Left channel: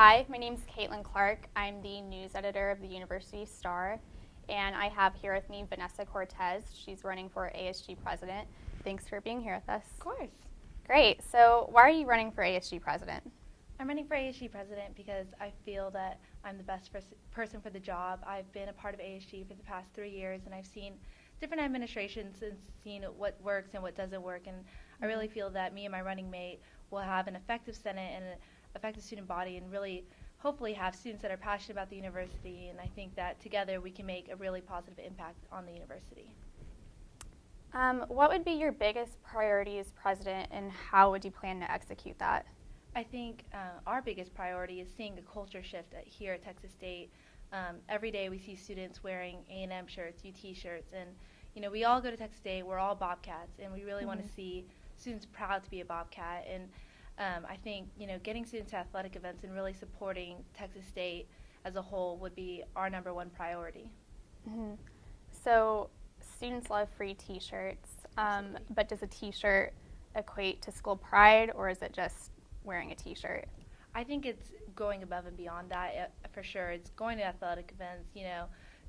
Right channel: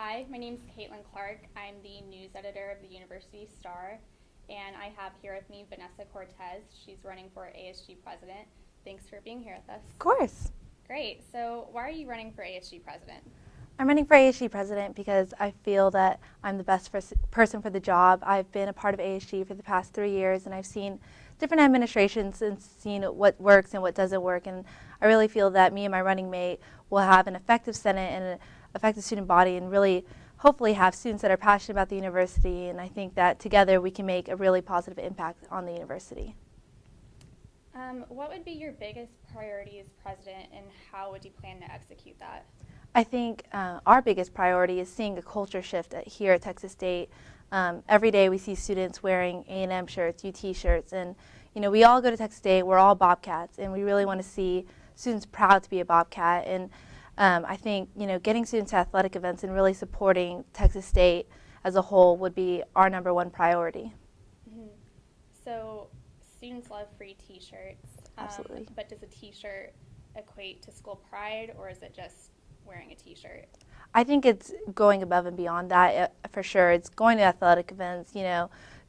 Hi, my name is Caitlin Clark. I'm the news editor of the University Star, and I have here with me Vanessa Cortez. She's running for ASG president. Thanks for being here with us. Of course. Great. So why are you running for ASG president? I'm running for ASG president because I feel that I'm the best person for the job. I've been a part of ASG for the past 3 years, and I've seen different administrations and seen what works and what doesn't work. And I really feel that me and my running mate will have an effective Senate and an effective student body and really hopefully have students that are passionate about the university. And I think that together we can make a really positive impact on the university. What would be your biggest priority as president, and how would you plan to execute that? I think our biggest priority is seeing a culture shift here at Texas State. Every day we see students wearing A&M shirts, UT shirts, and we all go to Texas State, we're all Bobcats, and we really want to see students proud to be a Bobcat. And I think getting students to athletic events and really supporting Texas State as a whole would be our #1 priority. Mm-hmm. So students love free t-shirts, but does a t-shirt equate to school pride, or is it just wearing a t-shirt? I think it's going above and beyond that for sure. It's going to athletic events,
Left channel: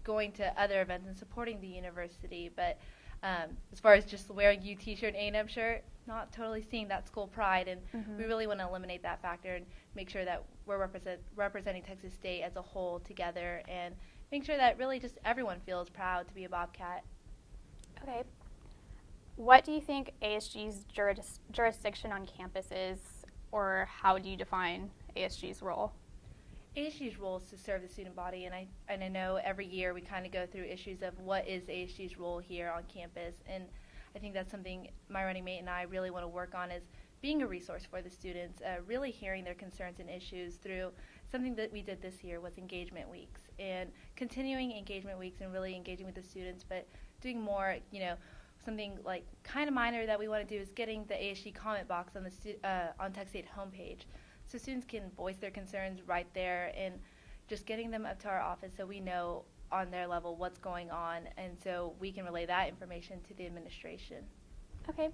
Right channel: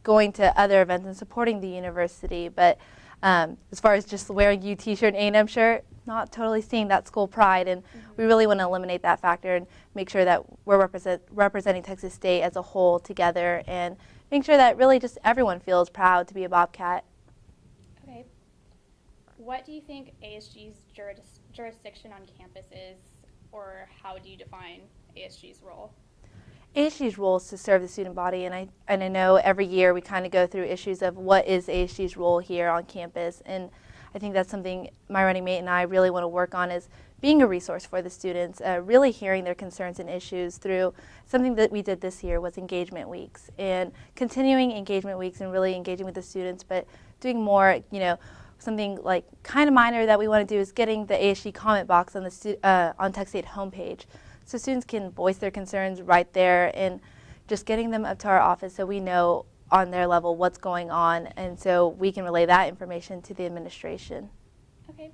going to other events and supporting the university. But as far as just wearing a t-shirt and A&M shirt, not totally seeing that school pride. And we really want to eliminate that factor and make sure that we're representing Texas State as a whole together and make sure that really just everyone feels proud to be a Bobcat. Okay. What do you think ASG's jurisdiction on campus is, or how do you define ASG's role? ASG's role is to serve the student body, and I know every year we kind of go through issues of what is ASG's role here on campus, and I think that's something my running mate and I really want to work on, is being a resource for the students, really hearing their concerns and issues through something that we did this year was engagement weeks, and continuing engagement weeks and really engaging with the students, but doing more, something like kind of minor that we want to do is getting the ASG comment box on the on Texas State homepage, so students can voice their concerns right there, and just getting them up to our office so we know on their level what's going on, and so we can relay that information to the administration. Okay.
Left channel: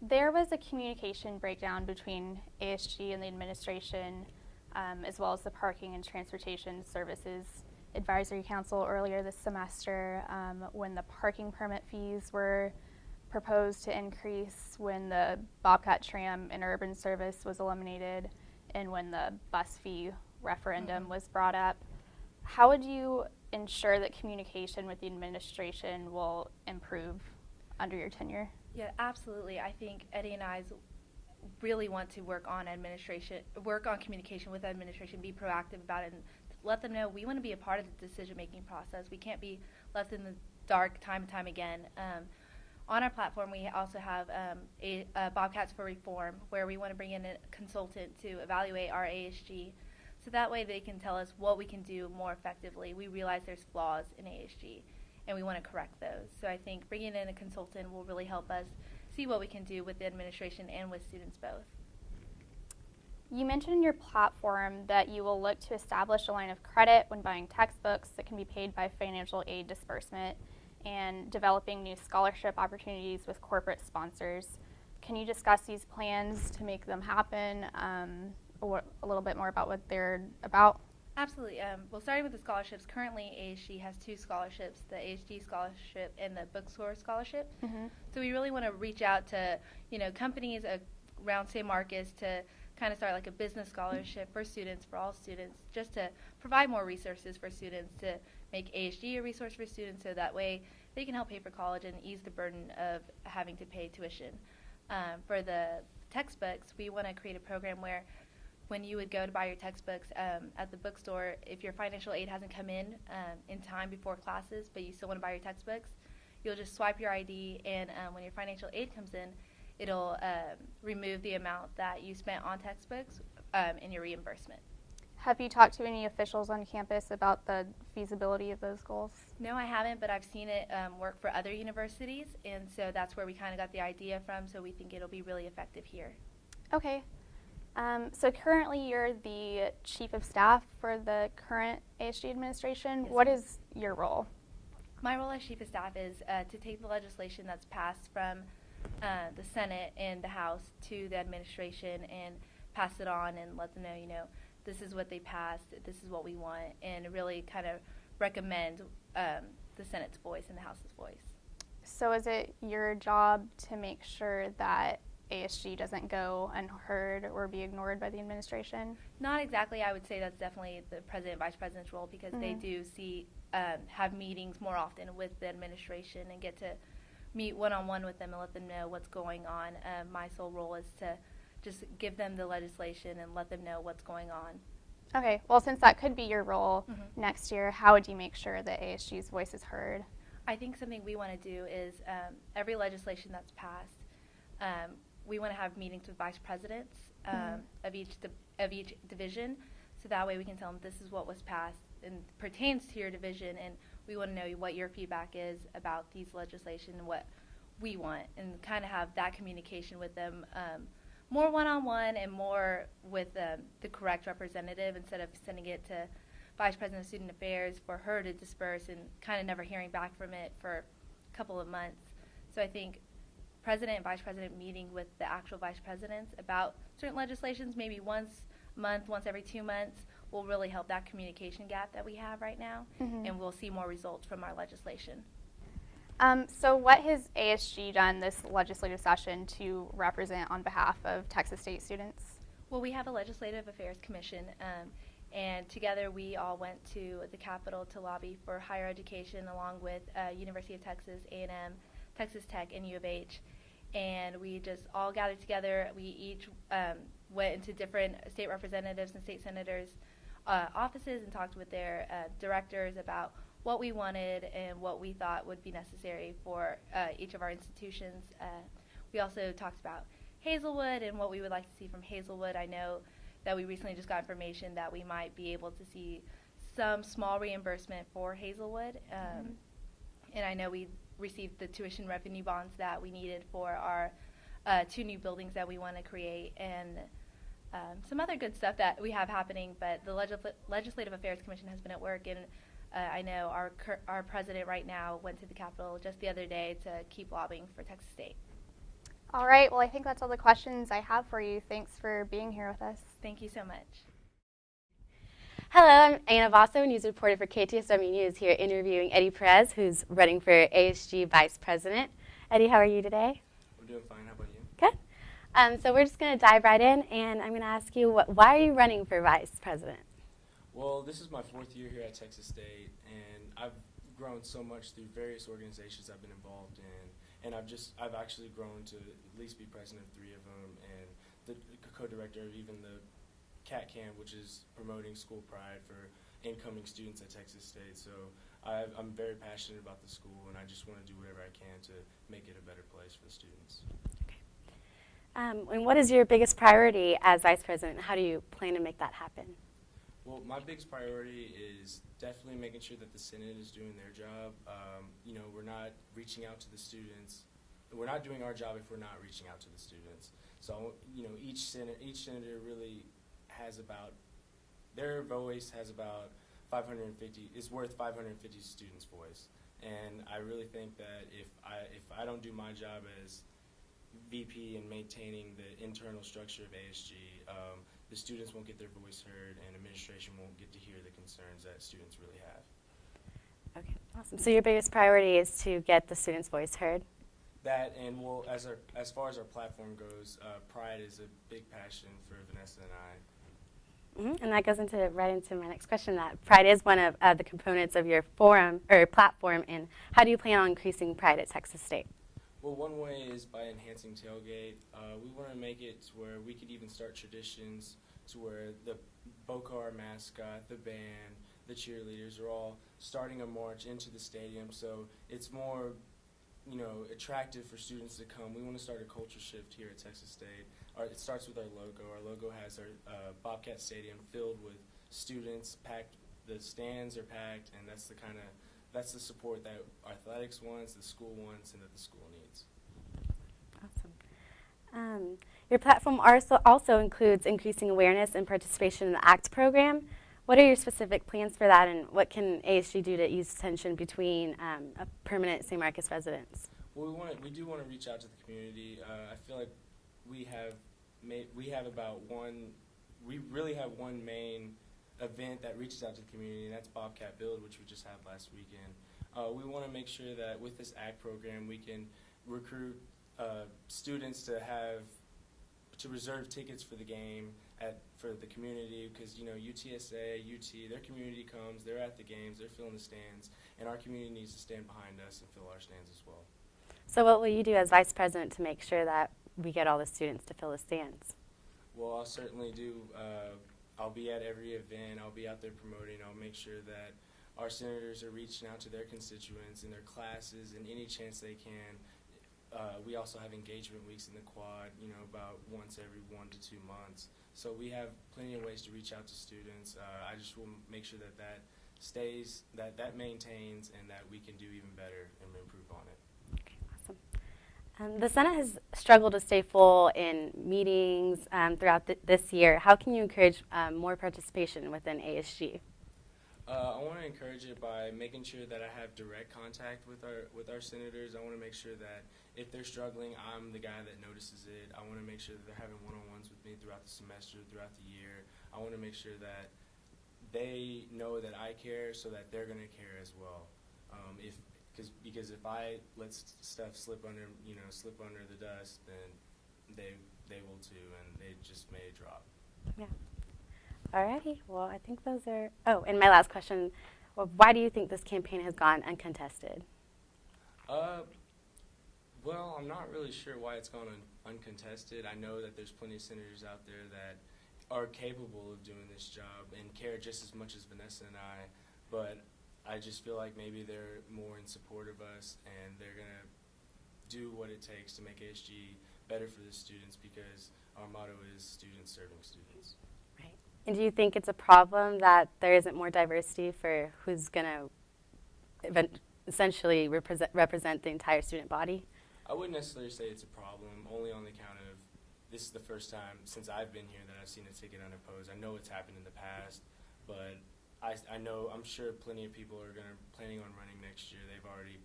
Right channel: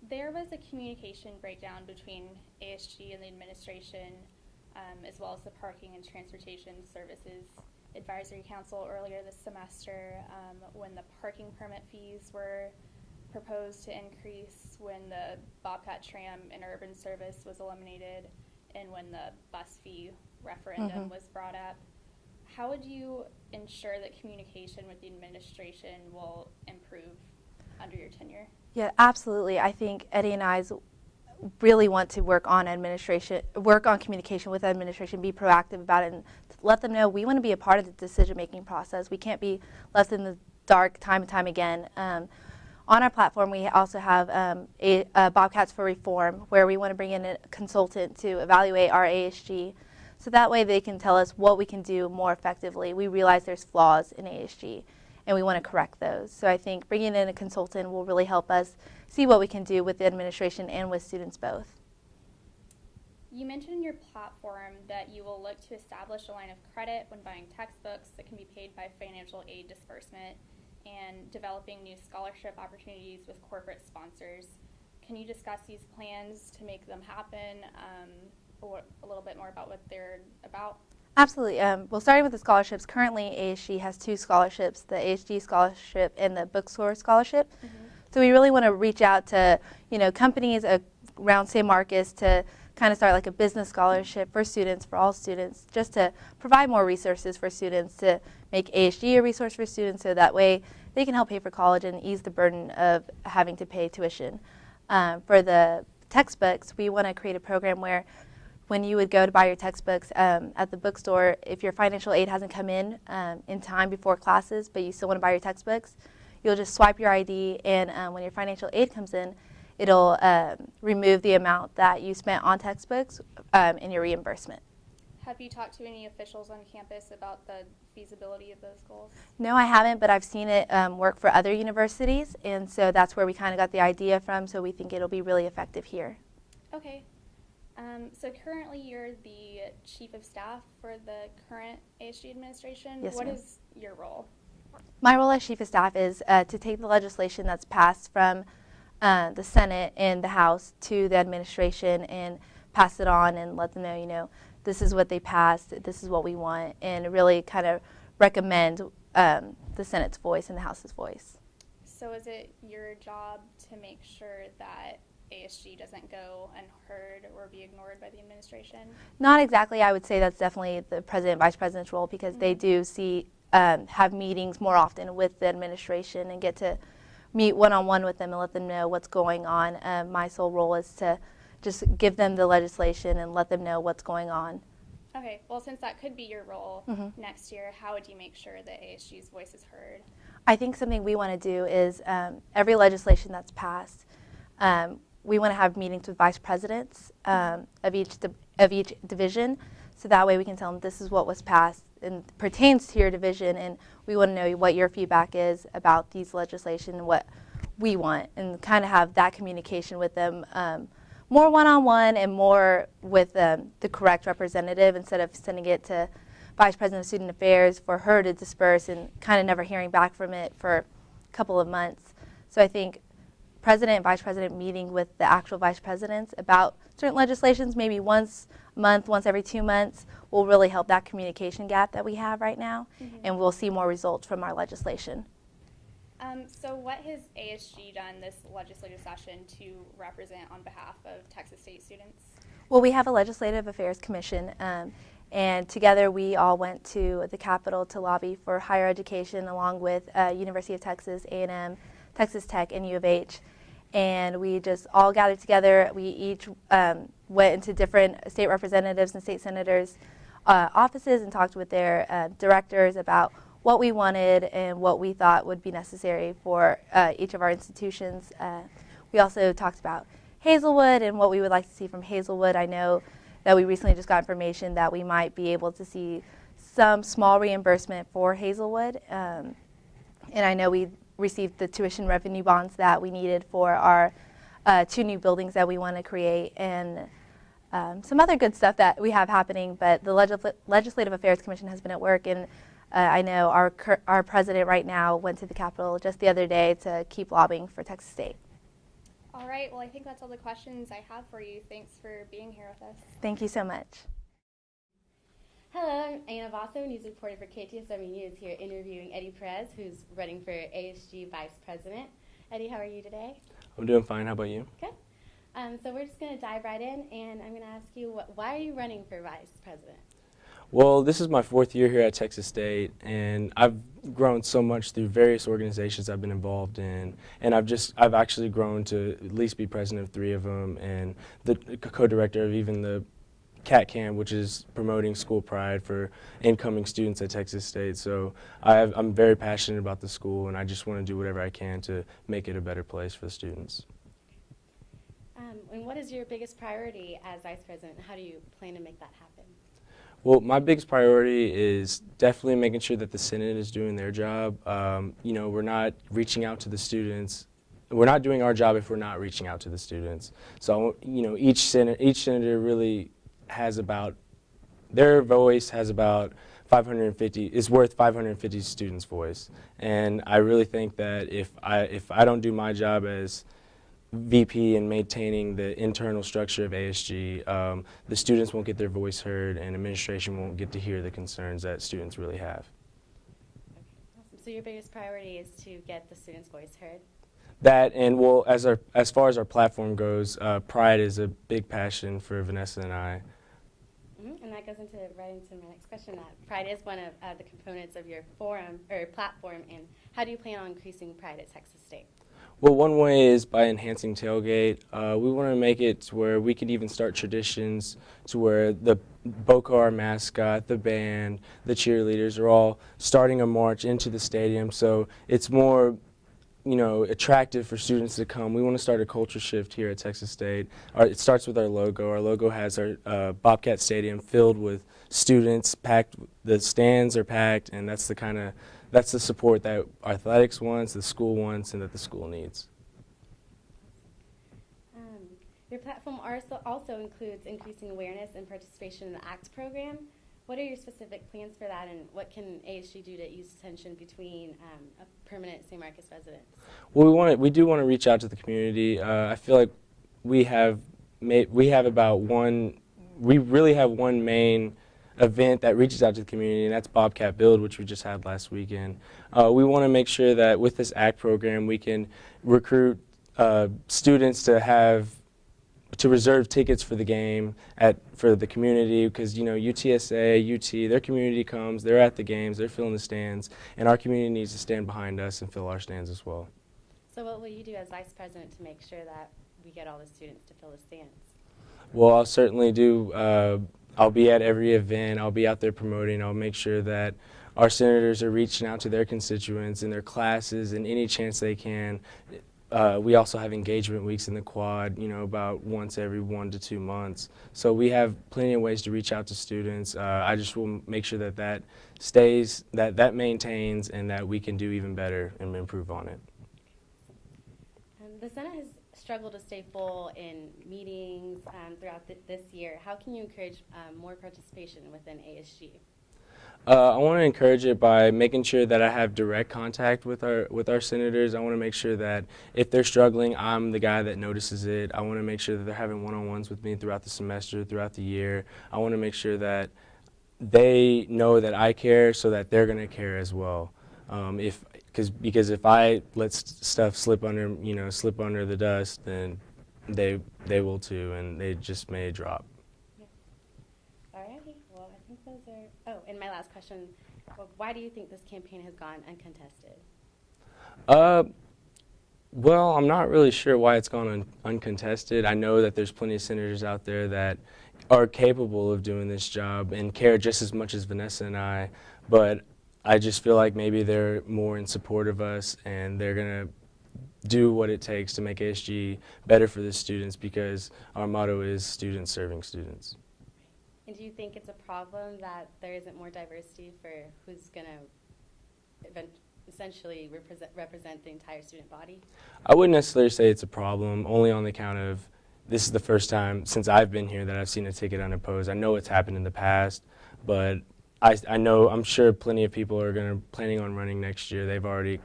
There was a communication breakdown between ASG and the administration, as well as the Parking and Transportation Services Advisory Council earlier this semester, when the parking permit fees were proposed to increase, when the Bobcat Tram interurban service was eliminated, and when the bus fee referendum was brought up. How would you ensure that communication with the administration will improve under your tenure? Yeah, absolutely. I think Eddie and I really want to work on communication with administration, be proactive about it, and let them know we want to be a part of the decision-making process. We can't be left in the dark time and time again. On our platform, we also have Bobcats for Reform, where we want to bring in a consultant to evaluate our ASG, so that way they can tell us what we can do more effectively. We realize there's flaws in ASG, and we want to correct those. So I think bringing in a consultant will really help us see what we can do with the administration and with students both. You mentioned in your platform that you will look to establish a line of credit when buying textbooks that can be paid by financial aid disbursement, and developing new scholarship opportunities with corporate sponsors. Can you discuss these plans to make them happen, or a little bit more about what they're about? Absolutely. Well, starting with the scholarships, currently ASG has 2 scholarships, the ASG scholarship and the bookstore scholarship. So we really want to reach out to companies around San Marcos to kind of start like a business scholarship for students, for all students, just to provide more resources for students, to make ASG a resource for students, so that way they can help pay for college and ease the burden of having to pay tuition. For the textbooks, we want to create a program where when you would go to buy your textbooks at the bookstore, if your financial aid hasn't come in time before classes, but you still want to buy your textbooks, you'll just swipe your ID, and when your financial aid comes in, it'll remove the amount that you spent on textbooks in your reimbursement. Have you talked to any officials on campus about the feasibility of those goals? No, I haven't, but I've seen it work for other universities, and so that's where we kind of got the idea from, so we think it'll be really effective here. Okay. So currently you're the Chief of Staff for the current ASG administration. Yes, what ma'am. is your role? My role as Chief of Staff is to take the legislation that's passed from the Senate and the House to the administration and pass it on and let them know, this is what they passed, this is what we want, and really kind of recommend the Senate's voice and the House's voice. So is it your job to make sure that ASG doesn't go unheard or be ignored by the administration? Not exactly. I would say that's definitely the president, vice president's role, because they do have meetings more often with the administration and get to meet one-on-one with them and let them know what's going on. My sole role is to just give them the legislation and let them know what's going on. Okay, well, since that could be your role next year, how would you make sure that ASG's voice is heard? I think something we want to do is every legislation that's passed, we want to have meetings with vice presidents of each division, so that way we can tell them this is what was passed and pertains to your division, and we want to know what your feedback is about these legislation and what we want, and kind of have that communication with them more one-on-one and more with the correct representative, instead of sending it to Vice President of Student Affairs for her to disperse and kind of never hearing back from it for a couple of months. So I think President and Vice President meeting with the actual Vice Presidents about certain legislations, maybe once a month, once every 2 months, will really help that communication gap that we have right now, and we'll see more results from our legislation. So what has ASG done this legislative session to represent on behalf of Texas State students? Well, we have a Legislative Affairs Commission, and together we all went to the Capitol to lobby for higher education, along with University of Texas, A&M, Texas Tech, and U of H. And we just all gathered together. We each went into different state representatives and state senators' offices and talked with their directors about what we wanted and what we thought would be necessary for each of our institutions. We also talked about Hazelwood and what we would like to see from Hazelwood. I know that we recently just got information that we might be able to see some small reimbursement for Hazelwood. And I know we received the tuition revenue bonds that we needed for our 2 new buildings that we want to create, and some other good stuff that we have happening. But the Legislative Affairs Commission has been at work, and I know our president right now went to the Capitol just the other day to keep lobbying for Texas State. All right, well, I think that's all the questions I have for you. Thanks for being here with us. Thank you so much. Hello, I'm Anna Vaso, news reporter for KTSW News, here interviewing Eddie Perez, who's running for ASG Vice President. Eddie, how are you today? I'm doing fine. How about you? Good. So we're just going to dive right in, and I'm going to ask you, why are you running for Vice President? Well, this is my 4th year here at Texas State, and I've grown so much through various organizations I've been involved in, and I've actually grown to at least be president of 3 of them, and the co-director of even the CAT-CAM, which is promoting school pride for incoming students at Texas State. So I'm very passionate about the school, and I just want to do whatever I can to make it a better place for the students. And what is your biggest priority as Vice President? How do you plan to make that happen? Well, my biggest priority is definitely making sure that the Senate is doing their job. You know, we're not reaching out to the students. We're not doing our job if we're not reaching out to the students. So, you know, each senator really has about, their voice has about 550, is worth 550 students' voice. And I really think that if I don't do my job as VP in maintaining the internal structure of ASG, the students won't get their voice heard, and administration won't get to hear the concerns that students really have. Okay, awesome. So your biggest priority is to get the students' voice heard? That, and well, as far as our platform goes, pride is a big passion for Vanessa and I. And that goes right into my next question, that pride is one of the components of your forum or platform, and how do you plan on increasing pride at Texas State? Well, one way is by enhancing tailgate. We want to make it to where we could even start traditions to where the BOCO, our mascot, the band, the cheerleaders are all starting a march into the stadium, so it's more, you know, attractive for students to come. We want to start a culture shift here at Texas State. It starts with our logo. Our logo has our Bobcat Stadium filled with students, packed. The stands are packed, and that's the support that athletics wants, the school wants, and that the school needs. Awesome. Your platform also includes increasing awareness and participation in the ACT program. What are your specific plans for that, and what can ASG do to ease tension between permanent St. Marcus residents? Well, we do want to reach out to the community. I feel like we have about one we really have one main event that reaches out to the community, and that's Bobcat Build, which we just had last weekend. We want to make sure that with this ACT program, we can recruit students to reserve tickets for the game for the community, because UTSA, UT, their community comes, they're at the games, they're filling the stands, and our community needs to stand behind us and fill our stands as well. So what will you do as vice president to make sure that we get all the students to fill the stands? Well, I'll certainly do. I'll be at every event. I'll be out there promoting. I'll make sure that our senators are reaching out to their constituents in their classes and any chance they can. We also have engagement weeks in the quad, about once every 1 to 2 months. So we have plenty of ways to reach out to students. I just will make sure that that stays, that maintains, and that we can do even better and improve on it. The Senate has struggled to stay full in meetings throughout this year. How can you encourage more participation within ASG? I want to encourage it by making sure that I have direct contact with our senators. I want to make sure that if they're struggling, I'm the guy that notices it. I want to make sure that they're having one-on-ones with me throughout the semester, throughout the year. I want to make sure that they know that I care, so that they're going to care as well. Because if I let stuff slip under the dust, then they will too, and they just may drop. Yeah. Alrighty. Well, I think those are. Oh, and my last question: why do you think this campaign has gone uncontested? Well, I'm not really sure why it's gone uncontested. I know that there's plenty of senators out there that are capable of doing this job and care just as much as Vanessa and I, but I just feel like maybe they're more in support of us, and they're going to do what it takes to make ASG better for the students, because our motto is students serving students. Right. And do you think it's a problem that there isn't more diversity for who's going to essentially represent the entire student body? I wouldn't necessarily say it's a problem, only on the account of this is the first time since I've been here that I've seen a ticket unopposed. I know it's happened in the past, but I'm sure plenty of people are planning on running next year. They've already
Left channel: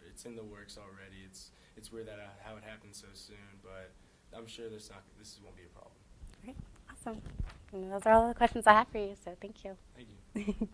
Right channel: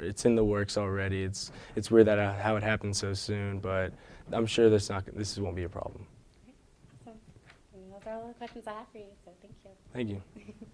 it's in the works already. It's weird that how it happened so soon, but I'm sure this won't be a problem. Great, awesome. And those are all the questions I have for you, so thank you. Thank you.